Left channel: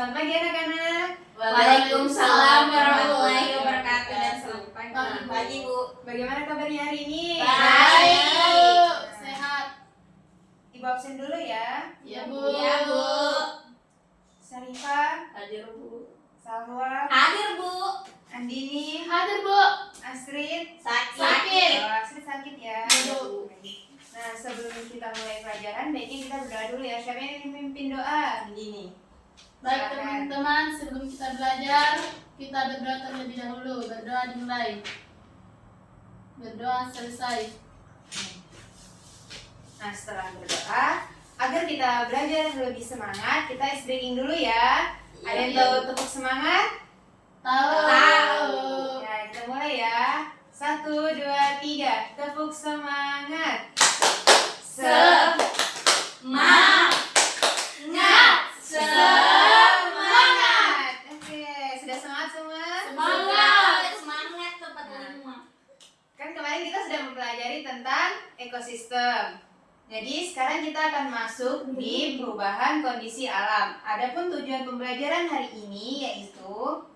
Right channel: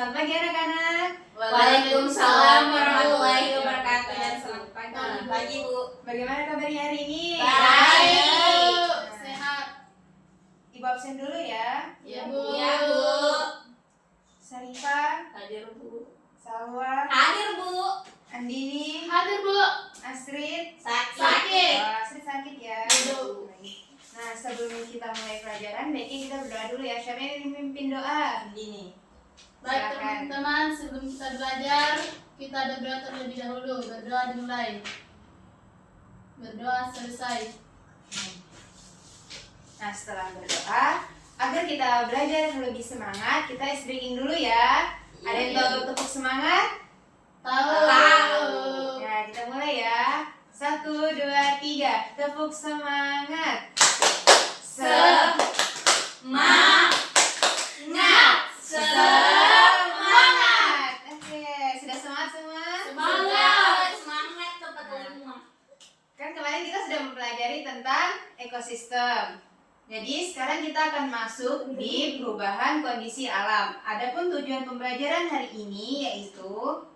selamat pagi anak-anak. Waalaikumsalam warahmatullahi wabarakatuh dan selamat pagi Bu. Bagaimana kabarnya hari ini? Baik. Sehat. Ibu absen dulu ya. Ya Bu. Ya Bu. Sarifah, Hadir Bu. Salwa, Hadir Bu. Andini, Hadir Bu. Astrid. Sakit. Oh, Astrid sakit ya. Ya, Bu. Nah, sebelum kita mulai pelajaran, baiknya kita berdoa dulu ya. Siapa yang memimpin doa? Andini. Baik Silakan. teman-teman, sebelum kita belajar, kita berdoa terlebih dahulu. Berdoa dimulai. Berdoa selesai. Nah, setelah berdoa, agar kita belajar lebih semangat, kita ice-breaking dulu ya. Ada yang tahu tepuk semangat? Tahu. Ya, kita mulai ya. 1, 2, 3. Tepuk semangat. Semangat. Oke, sudah semangat semua? Semangat tempat rumah. Kan kemarin kita sudah mempelajari tentang ekosistem. Jadi sekarang kita akan masuk di perubahan kondisi alam. Adapun tujuan pembelajaran hari ini yaitu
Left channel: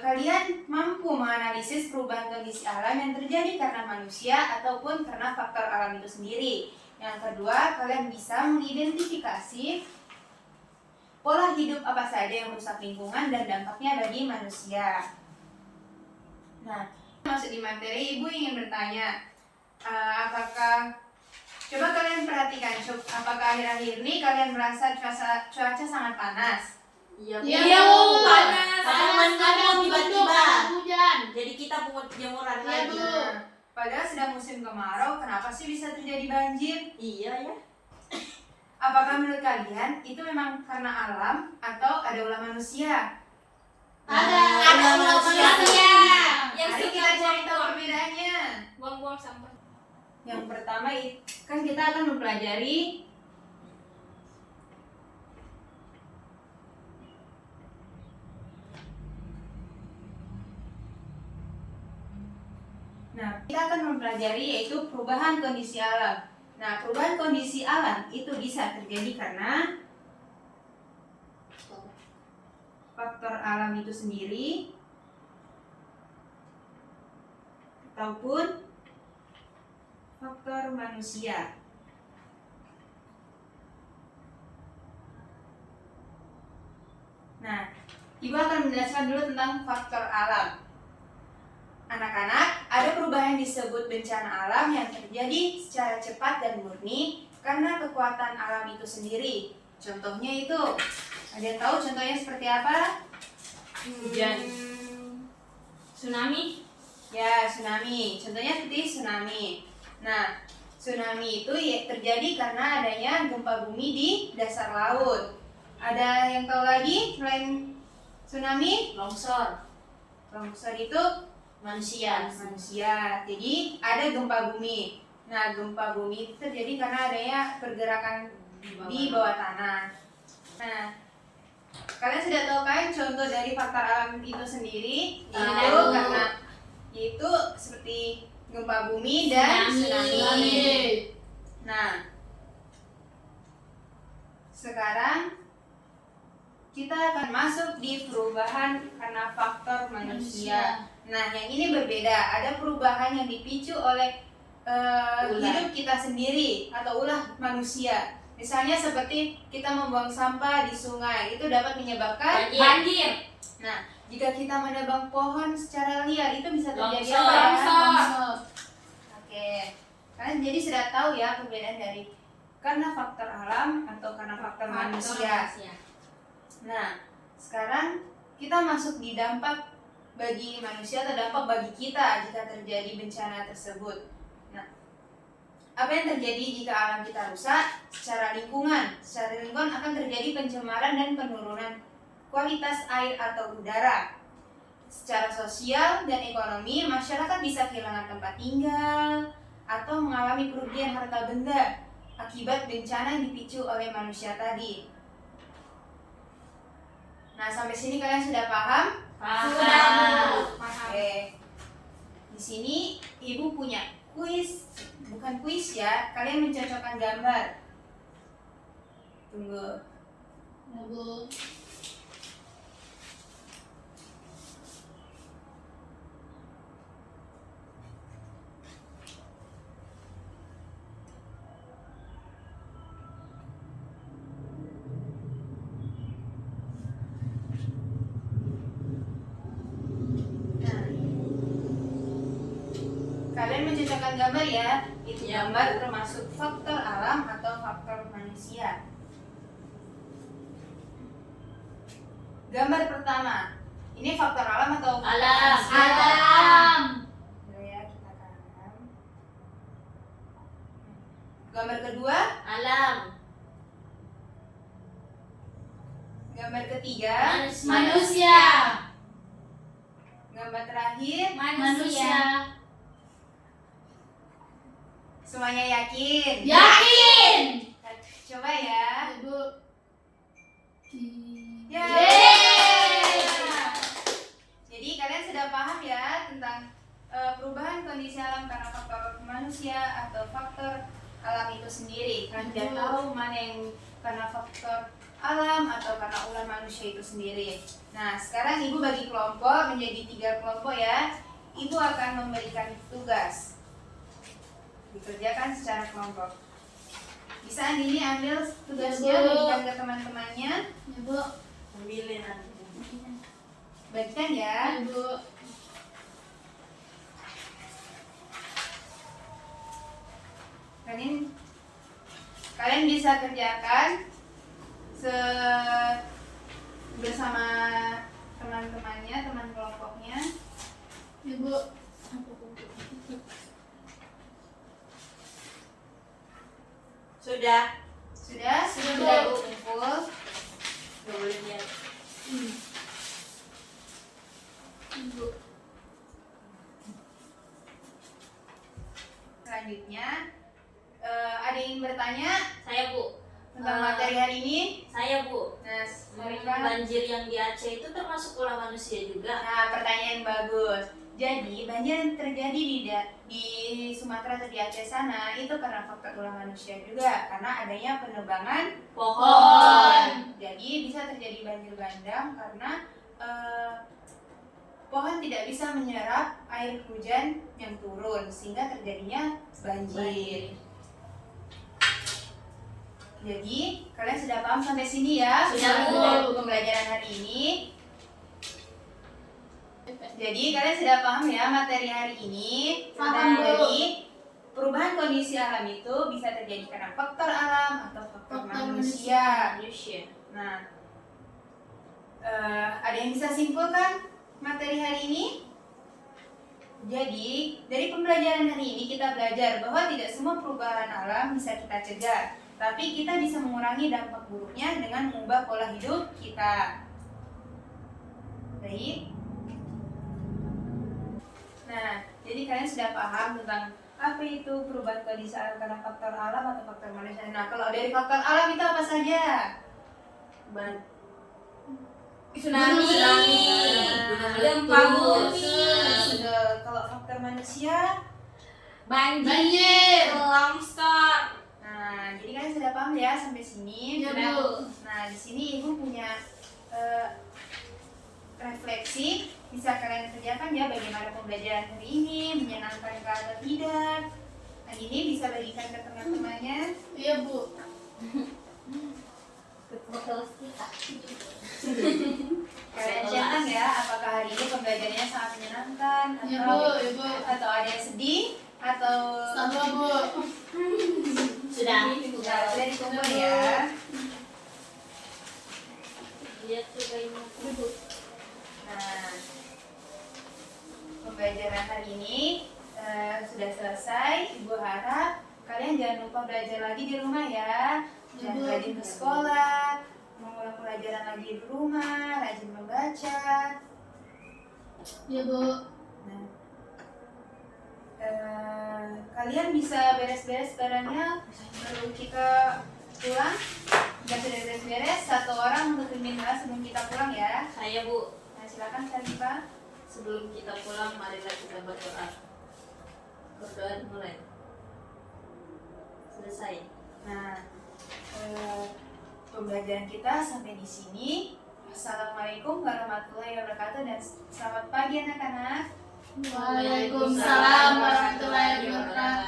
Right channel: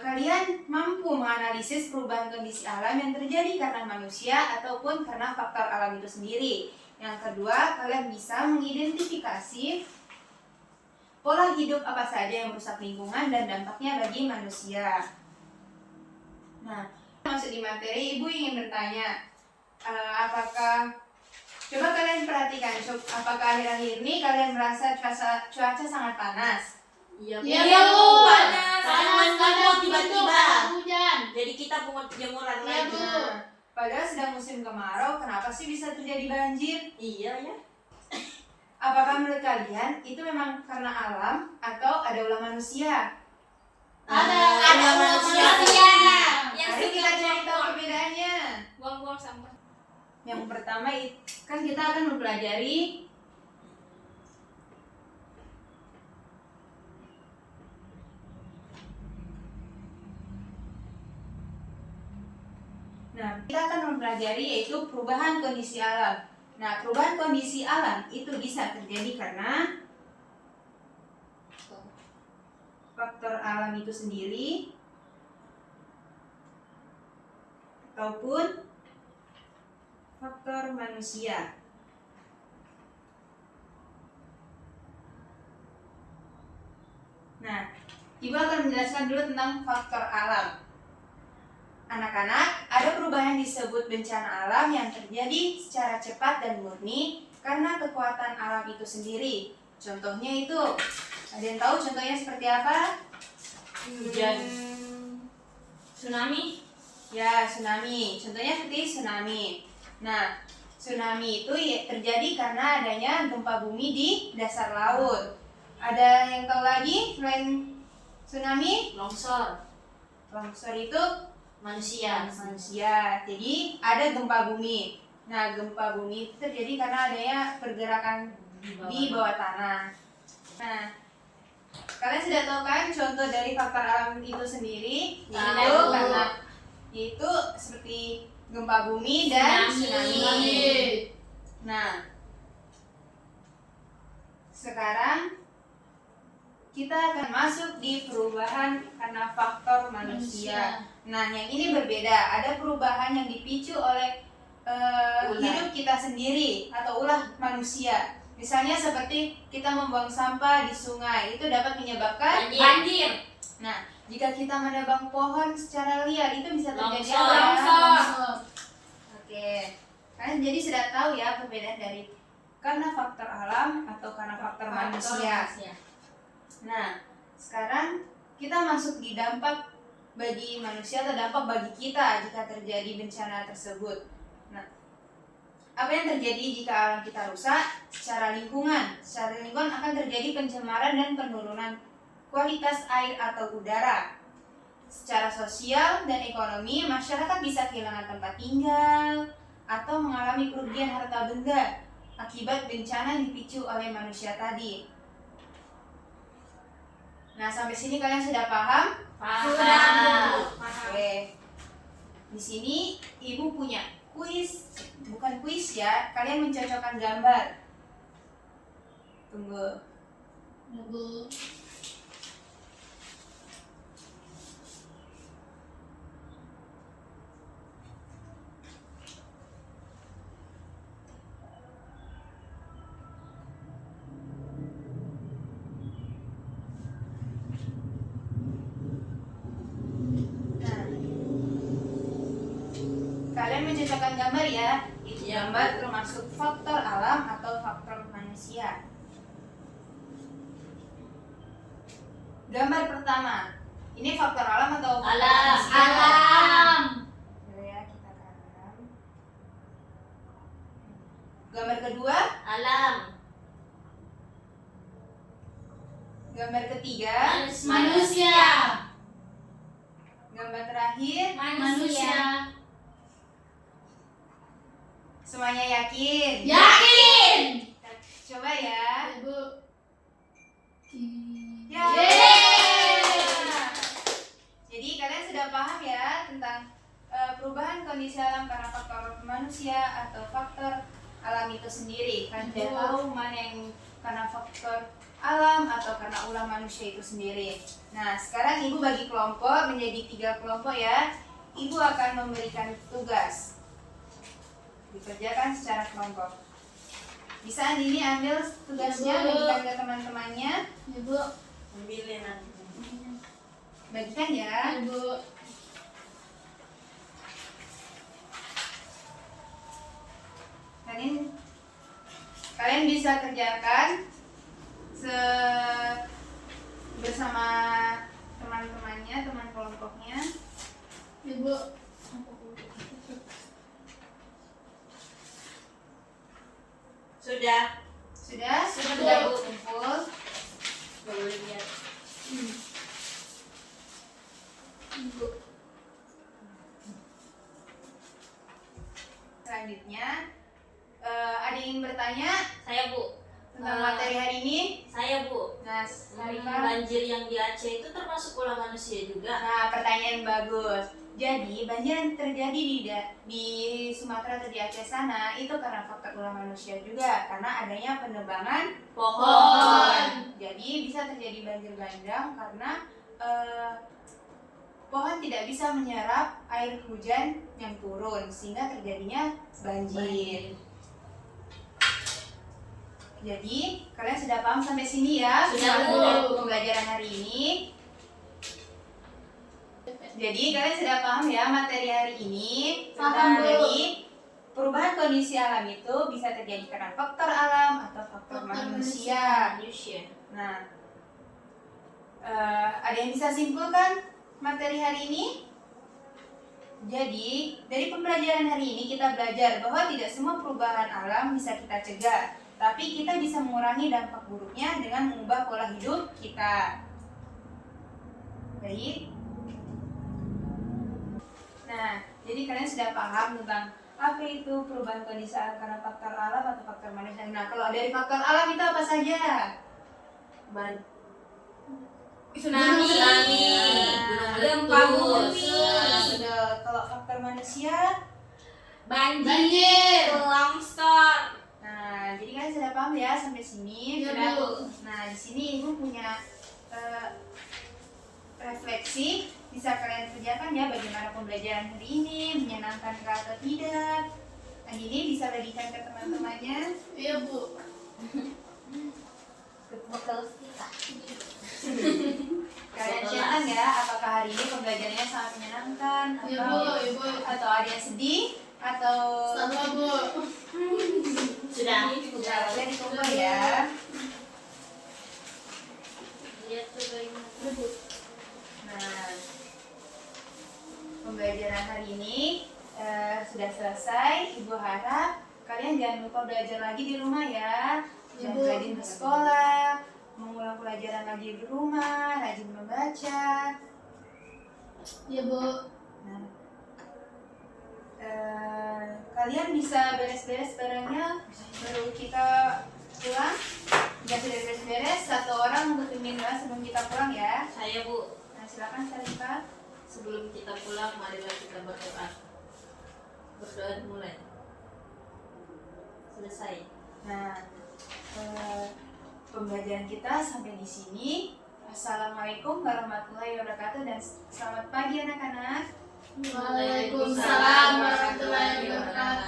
kalian mampu menganalisis perubahan kondisi alam yang terjadi karena manusia ataupun karena faktor alam itu sendiri. Yang kedua, kalian bisa mengidentifikasi pola hidup apa saja yang merusak lingkungan dan dampaknya bagi manusia. Nah, masuk di materi, Ibu ingin bertanya, apakah coba kalian perhatikan, apakah akhir-akhir ini kalian merasa cuaca sangat panas? Iya Iya Bu. Panas. Kadang Tiba-tiba. hujan. Jadi kita pungut jemuran Iya, lagi. Bu. Padahal sedang musim kemarau, kenapa sih bisa terjadi banjir? Iya ya. Apakah menurut kalian itu memang karena alam atau ada ulah manusia? Ada manusia. Yang Mari kita suka cari tahu perbedaannya. buang-buang sampah. Yang pertama kan kita akan mempelajari kita akan mempelajari yaitu perubahan kondisi alam. Nah, perubahan kondisi alam itu bisa terjadi karena faktor alam itu sendiri ataupun faktor manusia. Nah, Ibu akan menjelaskan dulu tentang faktor alam. Anak-anak, ada perubahan disebut bencana alam yang terjadi secara cepat dan murni karena kekuatan alam itu sendiri. Contohnya itu, ada yang tahu contohnya seperti apa? Hujan. Tsunami. Ya, tsunami. Contohnya seperti tsunami. Nah, tsunami itu terjadi karena adanya gempa bumi di dasar laut. Ada yang tahu lagi selain tsunami? Longsor. Longsor itu Manusia. Jadi ada gempa bumi. Nah, gempa bumi itu terjadi karena adanya pergerakan di bawah tanah. Nah, kalian sudah tahu kan contoh dari faktor alam itu sendiri? Tahu. Yaitu seperti gempa bumi dan tsunami. Nah, sekarang kita akan masuk di perubahan karena faktor manusia. Nah, yang ini berbeda. Ada perubahan yang dipicu oleh hidup kita sendiri atau ulah manusia. Misalnya seperti kita membuang sampah di sungai, itu dapat menyebabkan Banjir. Nah, jika kita menebang pohon secara liar, itu bisa terjadi Longsor. apa? Longsor. Oke. Kalian jadi sudah tahu ya perbedaan dari karena faktor alam atau karena faktor manusia. Nah, sekarang kita masuk di dampak bagi manusia atau dampak bagi kita jika terjadi bencana tersebut. Nah, apa yang terjadi jika alam kita rusak? Secara lingkungan akan terjadi pencemaran dan penurunan kualitas air atau udara. Secara sosial dan ekonomi, masyarakat bisa kehilangan tempat tinggal atau mengalami kerugian harta benda akibat bencana yang dipicu oleh manusia tadi. Nah, sampai sini kalian sudah paham? Paham. Oke. Di sini Ibu punya kuis, bukan kuis ya. Kalian mencocokkan gambar. Tunggu. Ya Bu. Nah, kalian menciptakan gambar ya. Itu Ya. gambar termasuk faktor alam atau faktor manusia. Gambar pertama, ini faktor alam atau faktor Alam. manusia? Alam. Boleh ya, kita alam. Gambar kedua, Alam. gambar ketiga, Manusia. gambar terakhir. Manusia. Semuanya yakin? Yakin. Coba ya. Ya Bu. Ya. Yeay. Jadi kalian sudah paham ya tentang perubahan kondisi alam karena faktor manusia atau faktor alam itu sendiri. Kalian sudah Betul. tahu mana yang karena faktor alam atau karena ulah manusia itu sendiri. Nah, sekarang Ibu bagi kelompok menjadi 3 kelompok ya. Ibu akan memberikan tugas. Dikerjakan secara kelompok. Bisa Andini ambil tugasnya, Ya, Bu. bagikan ke teman-temannya. Ya Bu. Ambilin nanti. Bagikan ya. Ya Bu. Kalian bisa kerjakan bersama teman-temannya, teman kelompoknya. Ya Bu. Sudah. Sudah? Sudah, Bu. Kumpul. Gak boleh lihat. Ya Bu. Selanjutnya, ada yang ingin bertanya Saya Bu. tentang materi hari ini? Saya Bu. Nah, Sarifah. Banjir yang di Aceh itu termasuk ulah manusia juga. Nah, pertanyaan bagus. Jadi, banjir yang terjadi di Sumatera atau di Aceh sana itu karena faktor ulah manusia juga, karena adanya penebangan Pohon. Jadi bisa terjadi banjir bandang karena pohon tidak bisa menyerap air hujan yang turun sehingga terjadinya banjir. Jadi kalian sudah paham sampai sini ya? Sudah, Bu. Untuk pembelajaran hari ini. Jadi kalian sudah paham ya materi hari ini. Paham, Bu. Jadi perubahan kondisi alam itu bisa terjadi karena faktor alam atau faktor Faktor manusia. Manusia. Nah, ada yang bisa simpulkan materi hari ini? Jadi, dari pembelajaran hari ini kita belajar bahwa tidak semua perubahan alam bisa kita cegah, tapi kita bisa mengurangi dampak buruknya dengan mengubah pola hidup kita. Baik. Nah, jadi kalian sudah paham tentang apa itu perubahan kondisi alam karena faktor alam atau faktor manusia. Nah, kalau dari faktor alam itu apa saja? Tsunami. Gunung Gempa meletus. bumi. Sudah. Kalau faktor manusia, Banjir. Longsor. nah jadi kalian sudah paham ya sampai sini. Ya, Sudah. Bu. Nah di sini ibu punya refleksi bisa kalian kerjakan ya bagaimana pembelajaran hari ini menyenangkan atau tidak. Nah ini bisa bagikan ke teman-temannya. Iya Bu. Kalian catat ya apakah hari ini pembelajarannya sangat menyenangkan Iya atau Bu. Iya Bu. atau ada yang sedih atau Sama Bu. Sudah. sudah dikumpul ya. Lihat coba ini. Nah, pembelajaran hari ini sudah selesai. Ibu harap kalian jangan lupa belajar lagi di rumah ya. Jangan Ibu. rajin ke sekolah, mengulang pelajaran lagi di rumah, rajin membaca. Iya Bu. Nah, kalian bisa beres-beres barangnya baru kita pulang. Jika sudah beres-beres, satu orang untuk pimpin kelas sebelum kita pulang ya. Saya Bu. Nah, silakan Sarifah. Sebelum kita pulang, marilah kita berdoa. Berdoa mulai. Selesai. Nah, pembelajaran kita sampai di sini. Assalamualaikum warahmatullahi wabarakatuh dan selamat pagi anak-anak. Waalaikumsalam warahmatullahi wabarakatuh.